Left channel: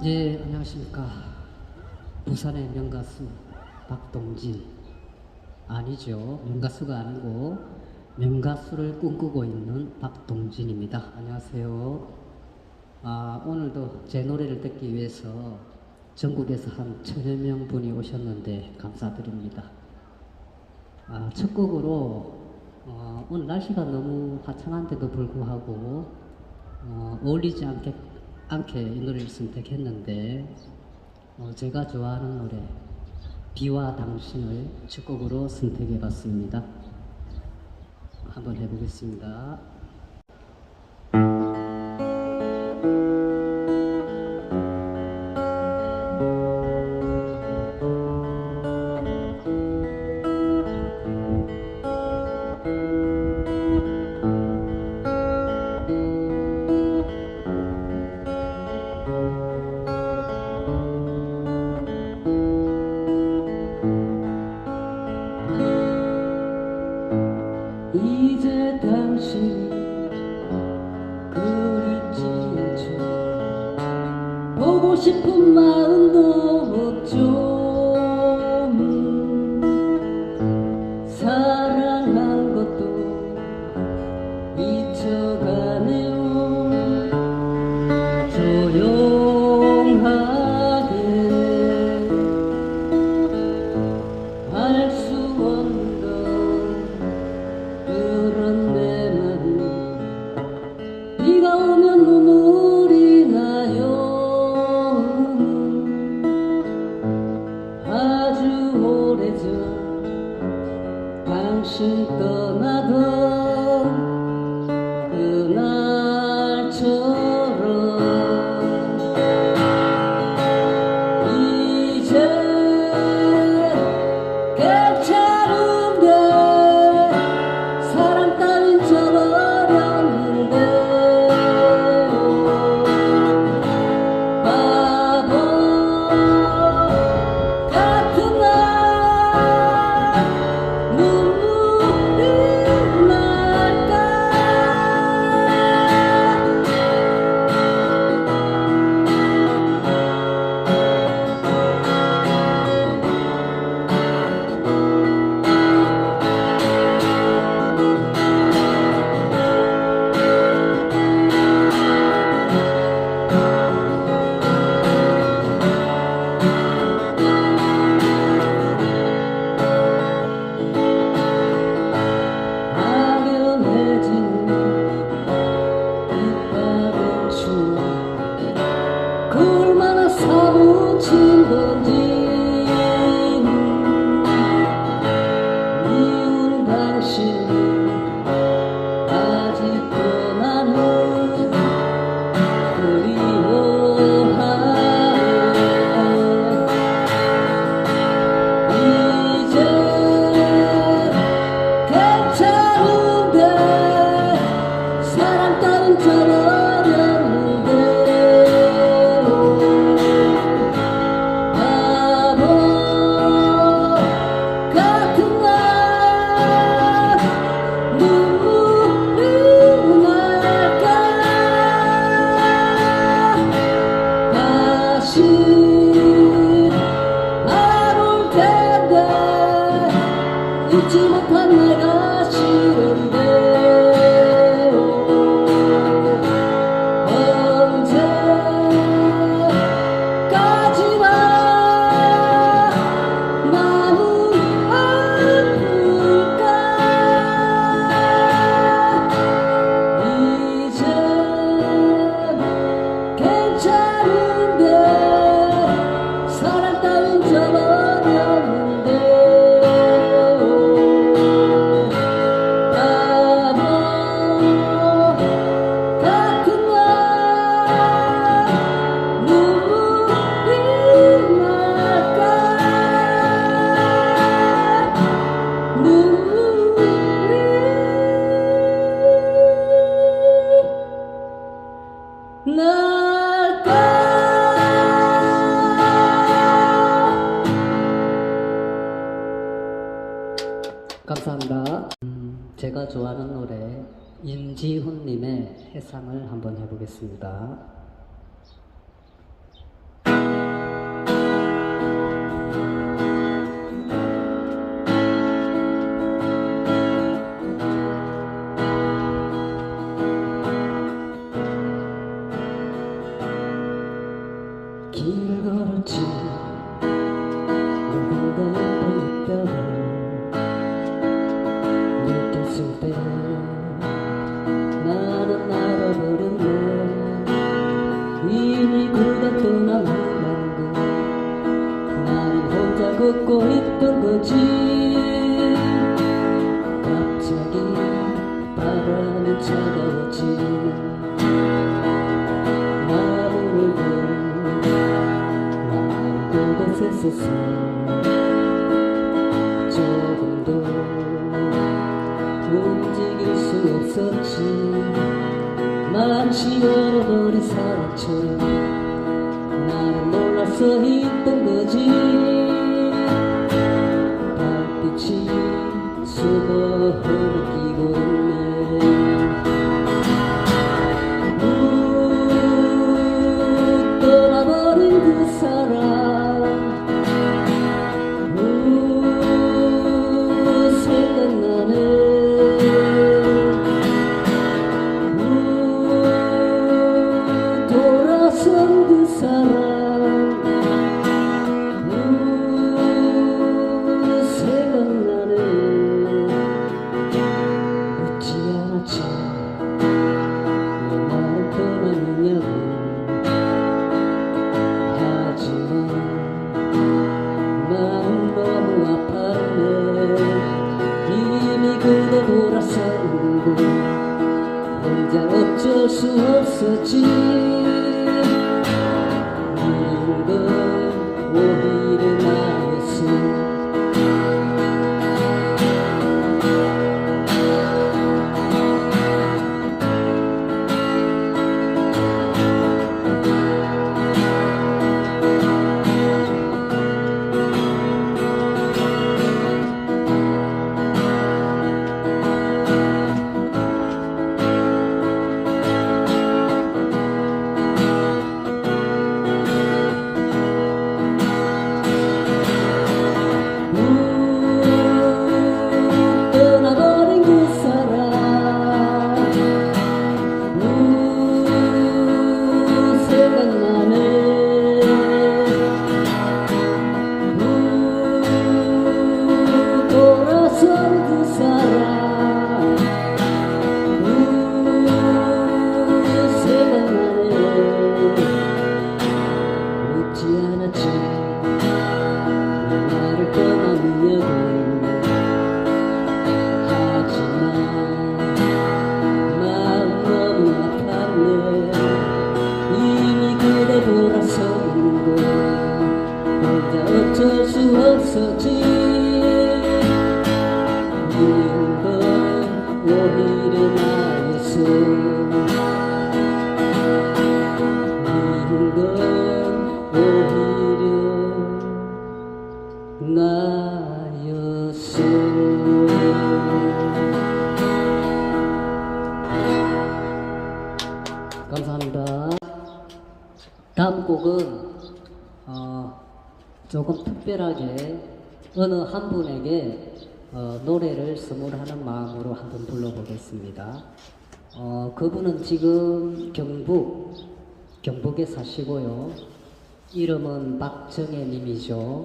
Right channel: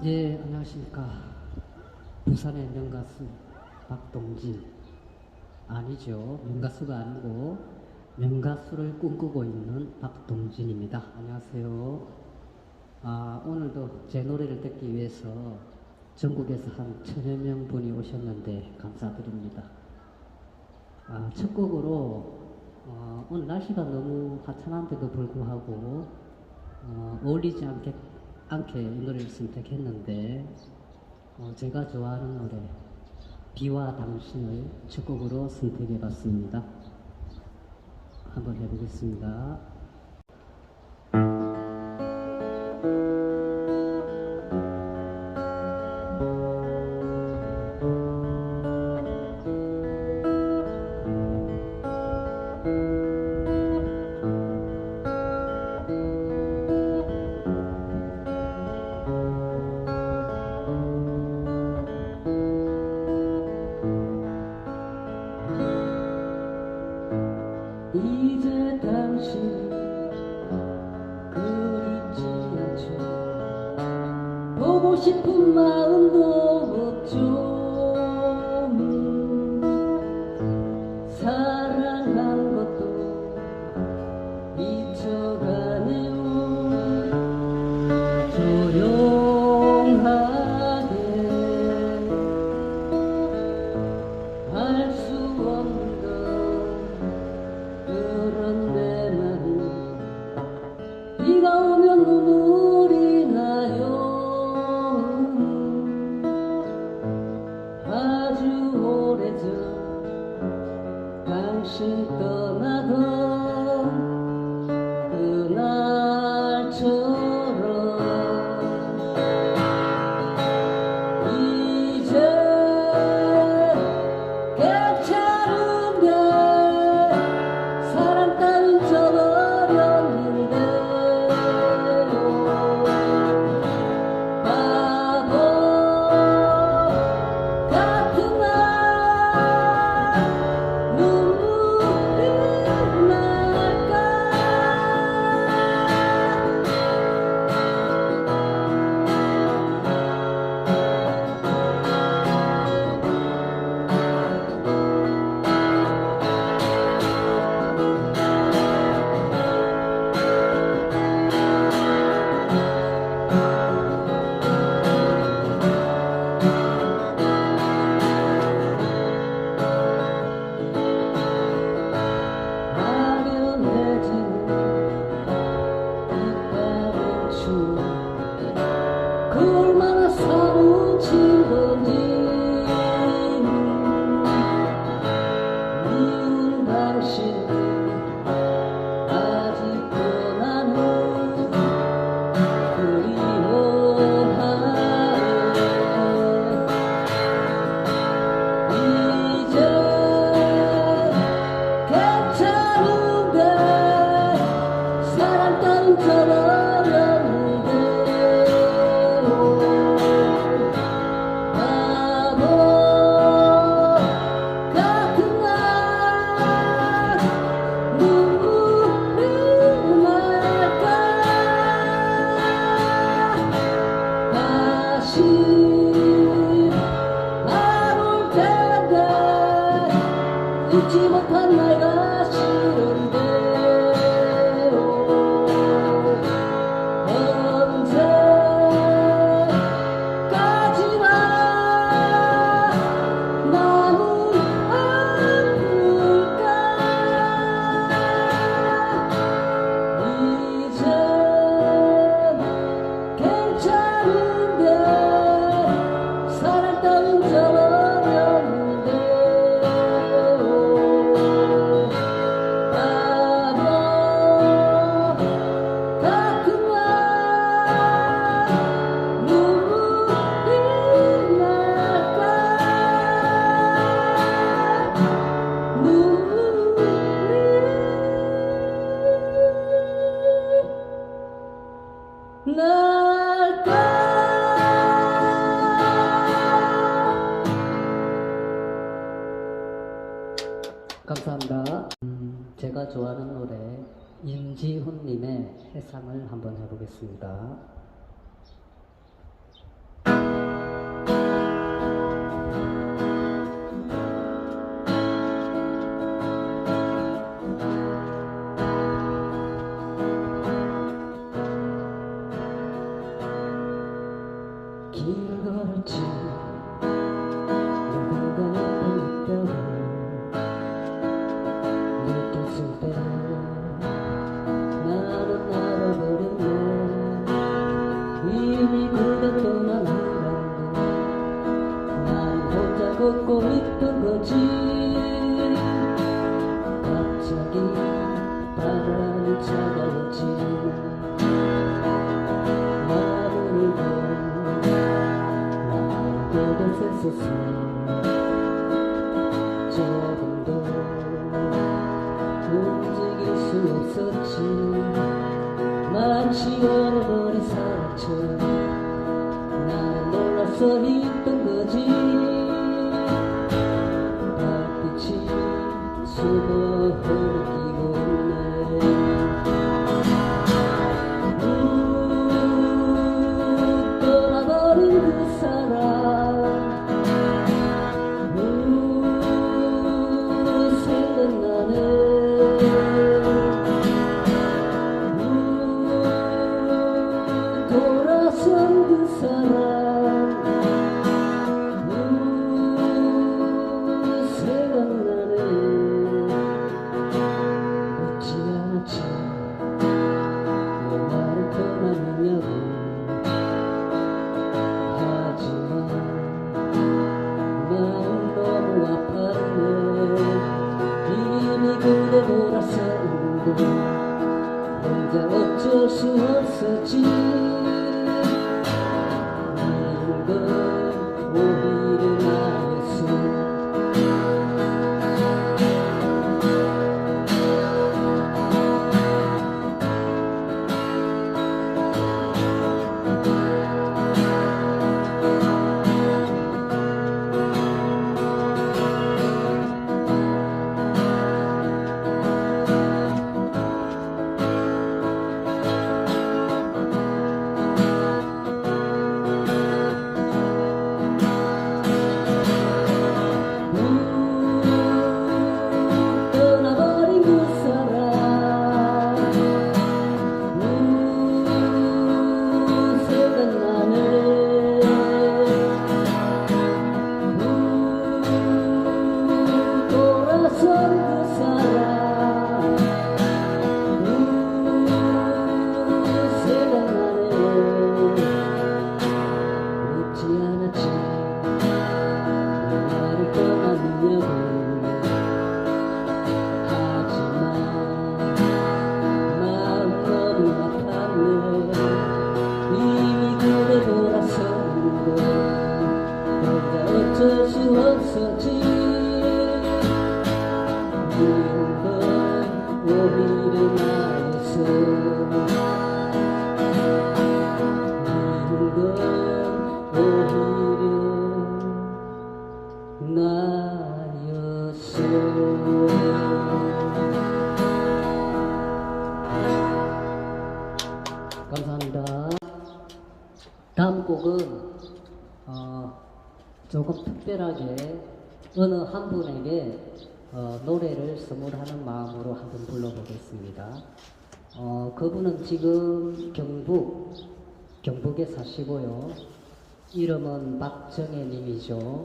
네, 안녕하십니까. 부산의 명가수 박동진. 아니죠. 명가수가 아니고 명가수를 꿈꾸고 있는 박동진입니다. 안녕하세요. 오늘도 제 노래를 듣기 위해서 전국에서 한 1000여 명 분이 오셨는데 감사드립니다. 첫 곡으로 오늘 날씨가 너무 화창한데도 불구하고 어울리지 않게 이 노래를 선택했는데 제가 좋아하는 노래 비와 당신을 첫 곡으로 선택해봤습니다. 한번 해보겠습니다. 이제 당신 그립지 않죠. 보고 싶은 마음도 없죠. 사랑한 것도 잊혀가네요. 조용하게 할 수 없는 그런 내 맘. 비가 오면 눈물이 나요. 아주 오래전 당신 떠나던 그날처럼 이제 괜찮은데 사람 따윈 저버렸는데 바보 같은 날 눈물이 날까. 아련해지는 이빨의 추억 그 얼마나 사무친 건지. 미운 당신 아직도 나는 그리워하네. 이제 괜찮은데 사람 따윈 저버렸는데 바보 같은 날 눈물이 날까. 다시 안 올 텐데 잊지 못한 내가 싫은데 언제까지나 마음 아플까. 이제 괜찮은데 사람 따윈 저버렸는데 바보 같은 날 눈물이 날까. 눈물이 날까. 감사합니다. 제가 좋아하는 노래 임지훈님의 해상을 한번 해보겠습니다. 길을 걸었지 누군가 옆에 있다고 느꼈을 때 나는 알아버렸네 이미 그가 떠나간다는 걸 나는 혼자 걷고 있던 거지 갑자기 바람이 차가웠지 그곳에서 조금도 움직일 수 없었지 마치 얼어버린 사람처럼 나는 놀라서 있던 거지 달빛이 숨어 흐르기고 있네 떠나버린 그 사람 돌아선 그 사람 생각나네 묻지 않았지 왜 나를 떠났느냐고 하지만 마음 너무 아팠네 이미 그대 돌아서는 혼자 어쩔 수 없었지 오히려 나였어 떠나버린 그 사람 생각나네 돌아선 그 사람 생각나네 묻지 않았지 나를 떠났느냐고 어쩔 수 없었지 이런 건 오히려 나였어 이런 건 오히려 나였어 감사합니다. 다음 곡은 조금 특별하게 어느 한 분에게 노래를 선물하는 마음으로 한번 불러보겠습니다. 그분은 지금 경북에 사시고요. 이름은 박정혜 님이죠.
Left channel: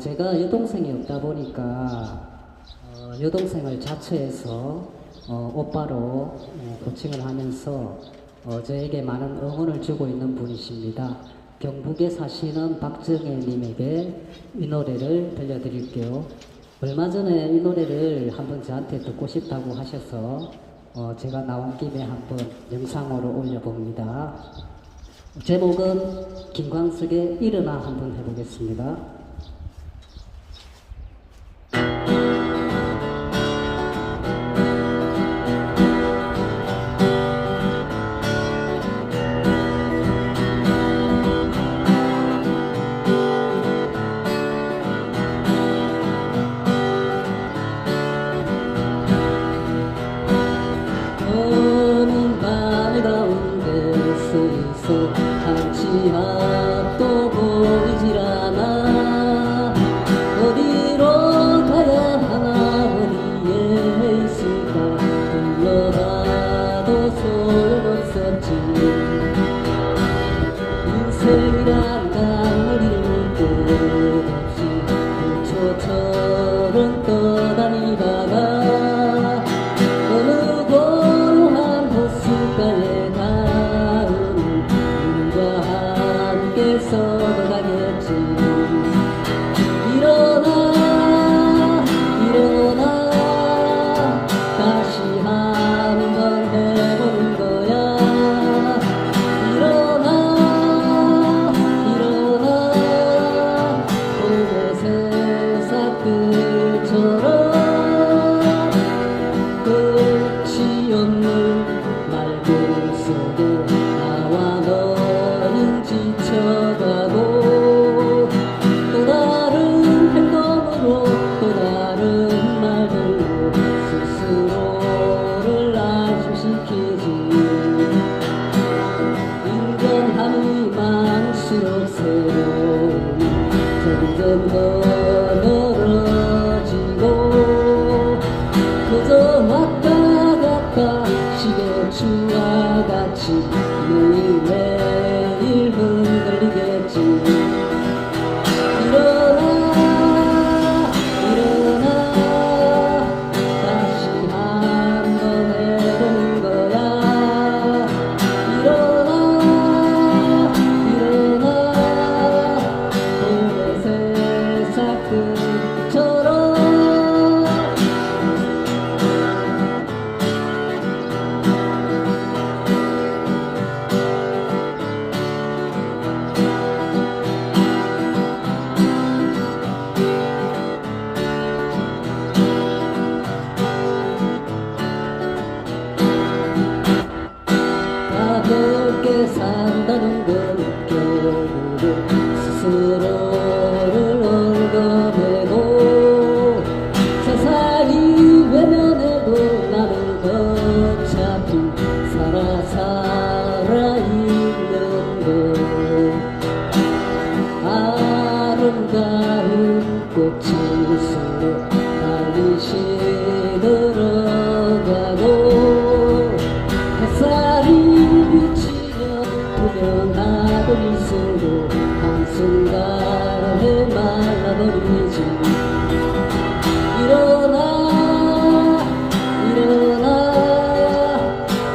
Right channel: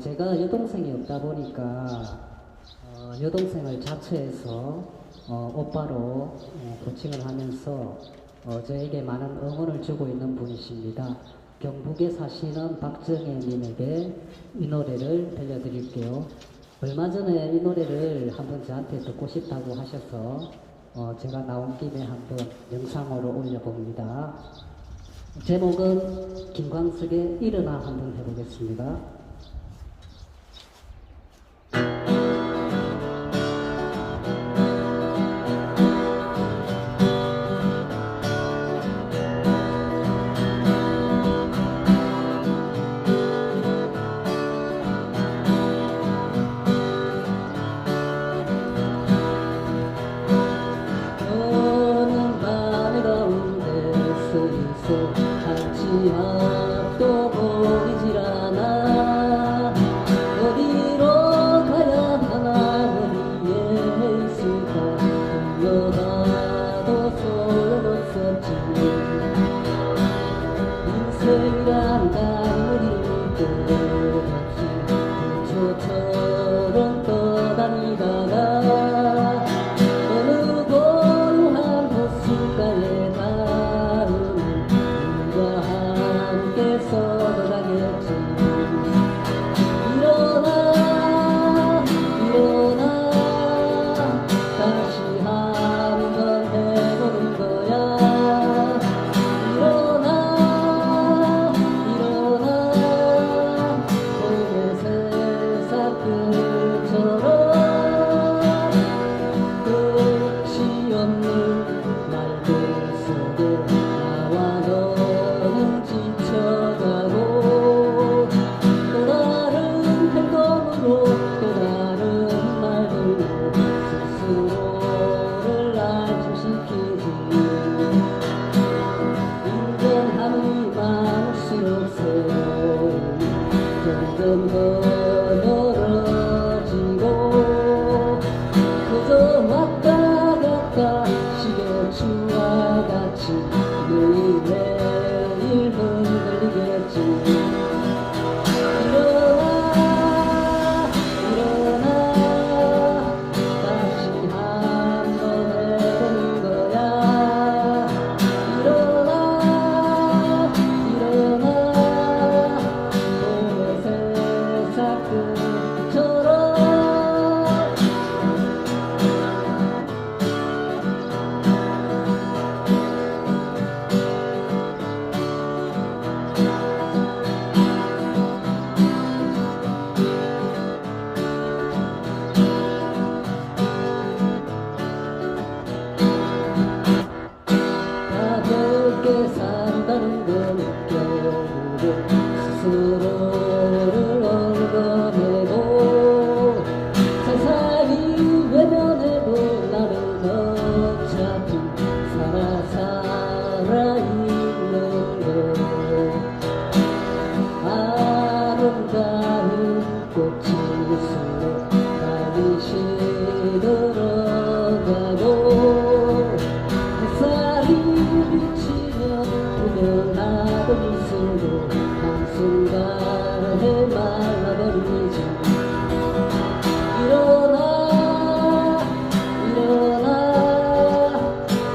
제가 여동생이 없다 보니까 여동생을 자처해서 오빠로 호칭을 하면서 저에게 많은 응원을 주고 있는 분이십니다. 경북에 사시는 박정혜 님에게 이 노래를 들려드릴게요. 얼마 전에 이 노래를 한번 저한테 듣고 싶다고 하셔서 제가 나온 김에 한번 영상으로 올려봅니다. 제목은 김광석의 일어나 한번 해보겠습니다. 한치 앞도 보이질 않아 어디로 가야 하나 어디에 있을까 불러봐도 소용없었지 인생이라 속에 나와 너는 지쳐가고 또 다른 행동으로 또 다른 말들로 스스로를 안심시키지 인간함이 많을수록 새로움이 점점 더 멀어지고 그저 왔다 갔다 시계추와 같이 매일매일 흔들리겠지 일어나 일어나 다시 한번 해보는 거야 일어나 일어나 오늘 세상 끝처럼 가볍게 산다는 건 결국 스스로를 얽어내고 세상이 외면해도 나는 어차피 살아있는 걸 아름다운 꽃일수록 빨리 시들어가고 햇살이 비치면 투명하던 입술도 한순간에 말라버리지 일어나 일어나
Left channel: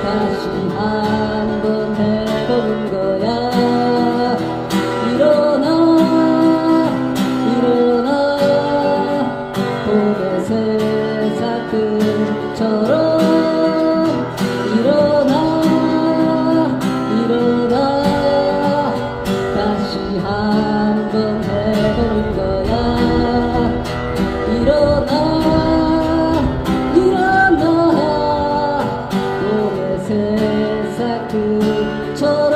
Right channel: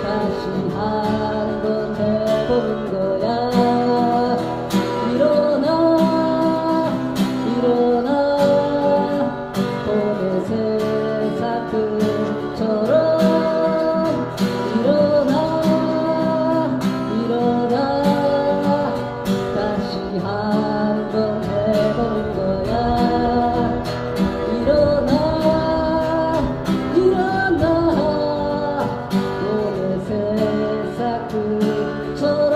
다시 한번 해보는 거야 일어나 일어나 봄의 세상 끝처럼 일어나 일어나 다시 한번 해보는 거야 일어나 일어나 봄의 세상 끝처럼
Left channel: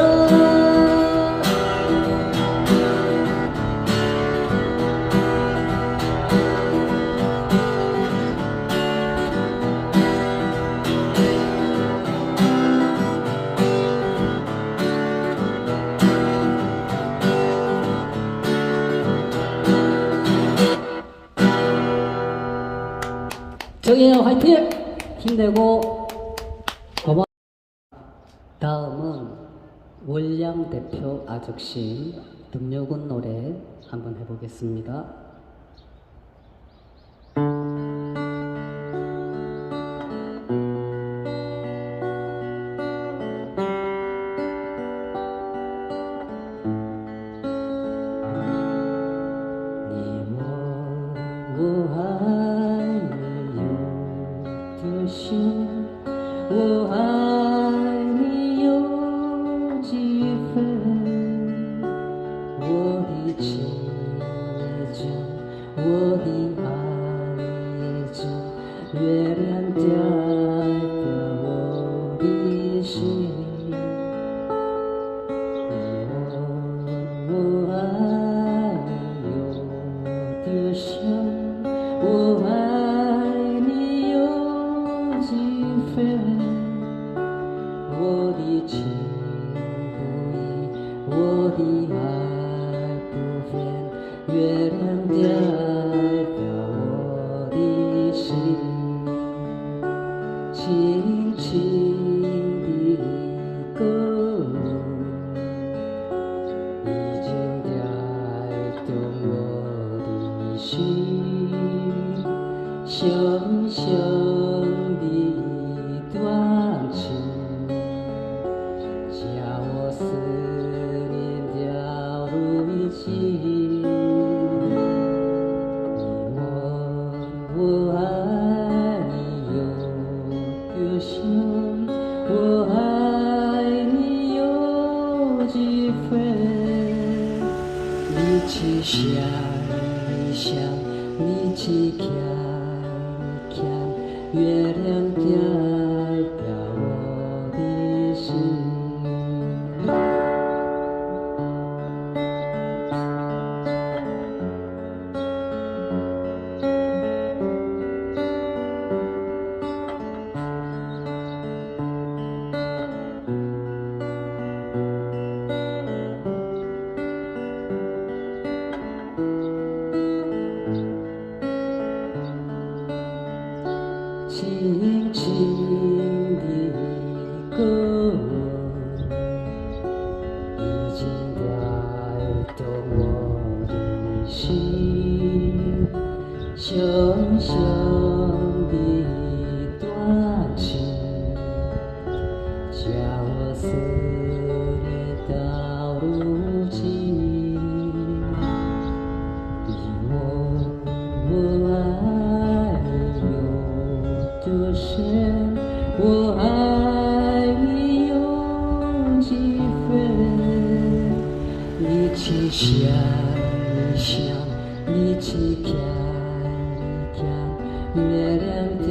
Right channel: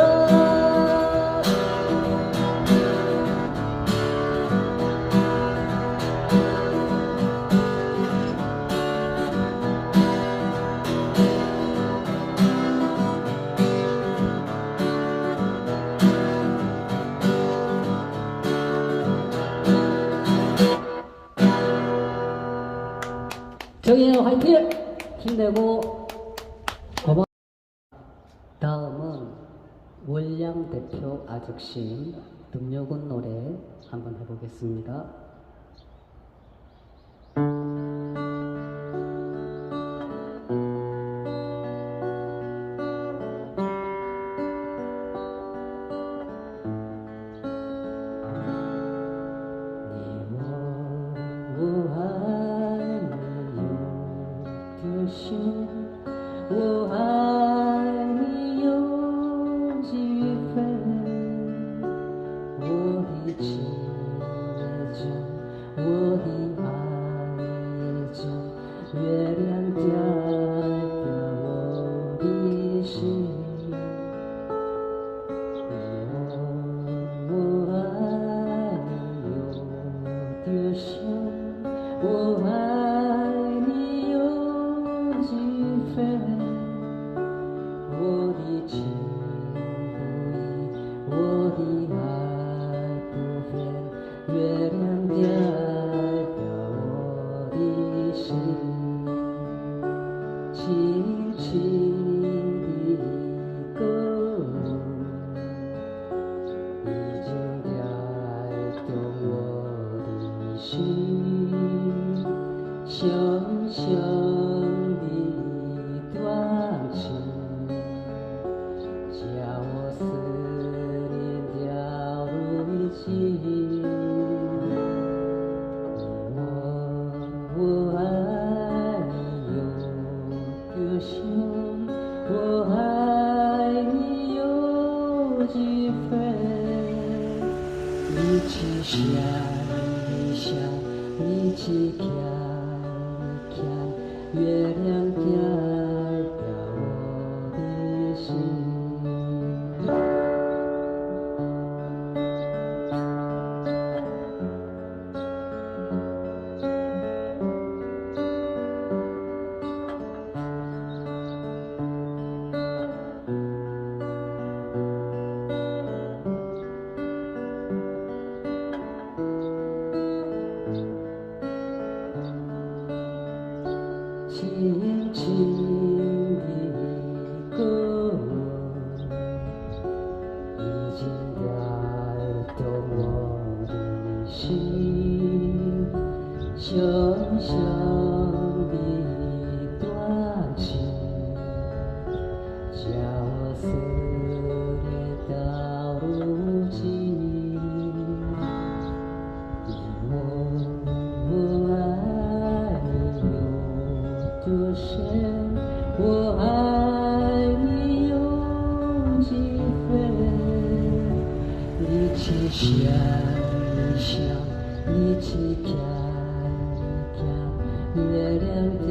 정희야 화이팅! 힘내고 고마워. 다음은 월량 대표 아적심 등려군 노래 한번 해보겠습니다.我爱你有几分，我的情也真，我的爱也真，月亮代表我的心。你问我爱你有多深，我爱你有几分。我的情不移，我的爱不变，月亮代表我的心，轻轻的歌已经带动我的心，香香的一段情。叫我思念掉入一起。你问我爱你有多深，我爱你有几分？一起想一想，一起看一看，月亮代表我的心。 하늘에 따르지 이 몸을 아니요 두신 我爱你用几分力气想一想力气看一看月亮代表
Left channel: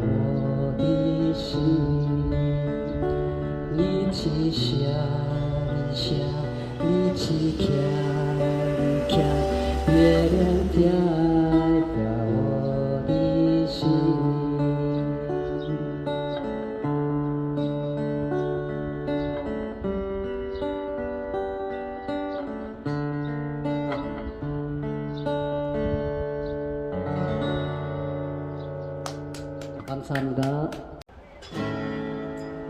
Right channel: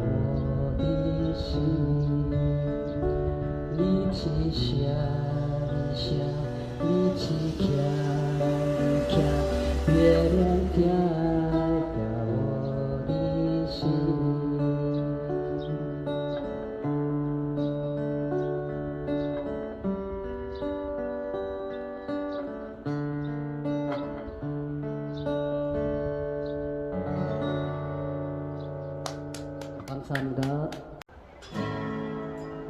我的心力气想一想力气看一看月亮代表我的心감사합니다.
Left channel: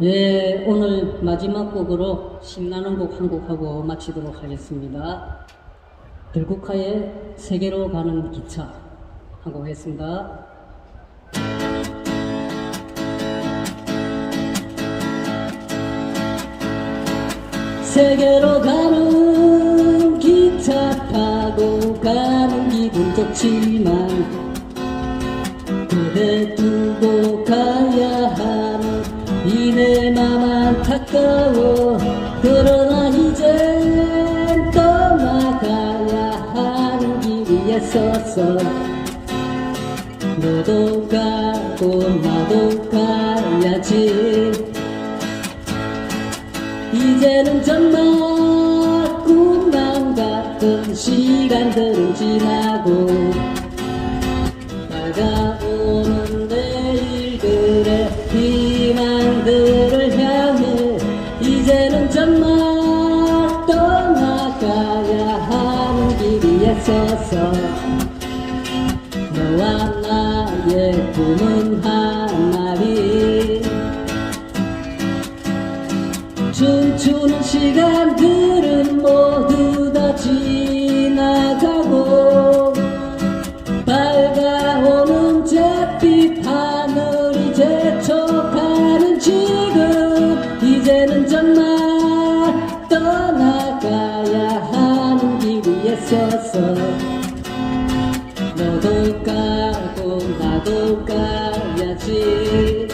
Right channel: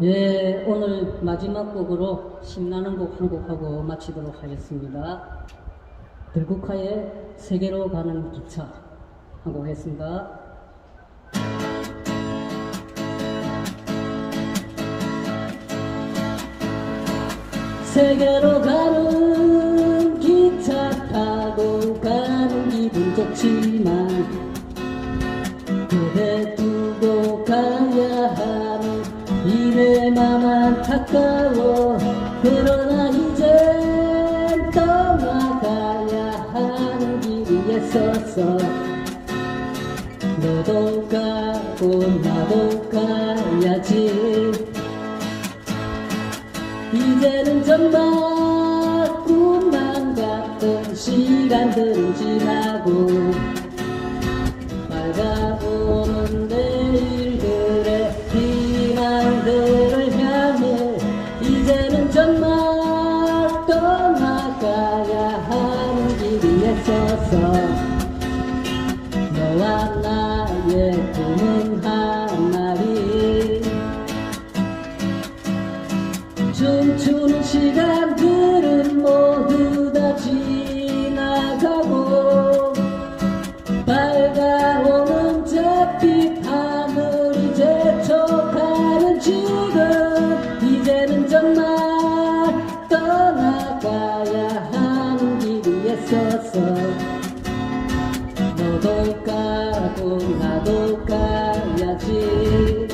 예, 오늘 마지막 곡으로 신나는 곡 한 곡하고 마치도록 하겠습니다. 들국화의 세계로 가는 기차 한 곡 했습니다. 세계로 가는 기차 타고 가는 기분 좋지만 그대 두고 가야 하는 이내 맘 안타까워 그러나 이젠 떠나가야 하는 길에 서서 너도 가고 나도 가야지 이제는 정말 꿈만 같던 시간들은 지나고 다가오는 내일들의 희망들을 향해 이제는 정말 떠나가야 하는 길에 서서 너와 나의 꿈은 하나리 춤추는 시간들은 모두 다 지나가고 밝아오는 잿빛 하늘이 재촉하는 지금 이제는 정말 떠나가야 하는 길 위에 서서 너도 가고 나도 가야지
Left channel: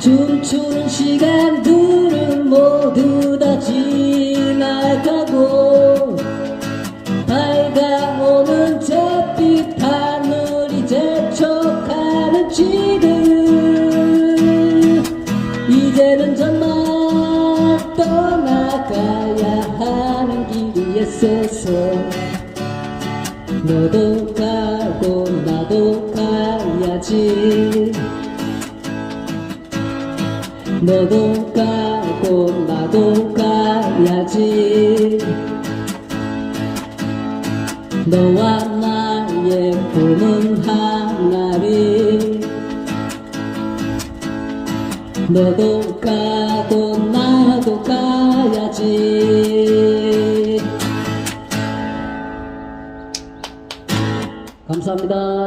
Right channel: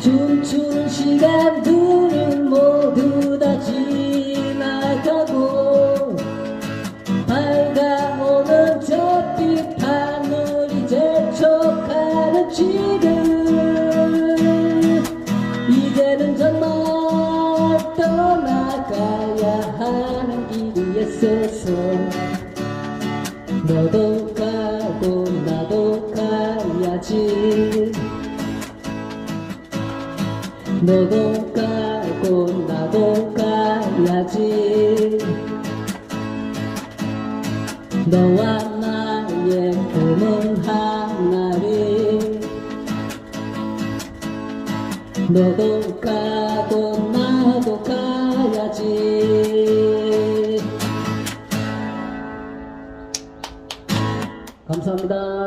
춤추는 시간들은 모두 다 지나가고 밝아오는 잿빛 하늘이 재촉하는 지금 이제는 정말 떠나가야 하는 길에 서서 너도 가고 나도 가야지 너도 가고 나도 가야지 너와 나의 꿈은 하나리 너도 가고 나도 가야지 감사합니다.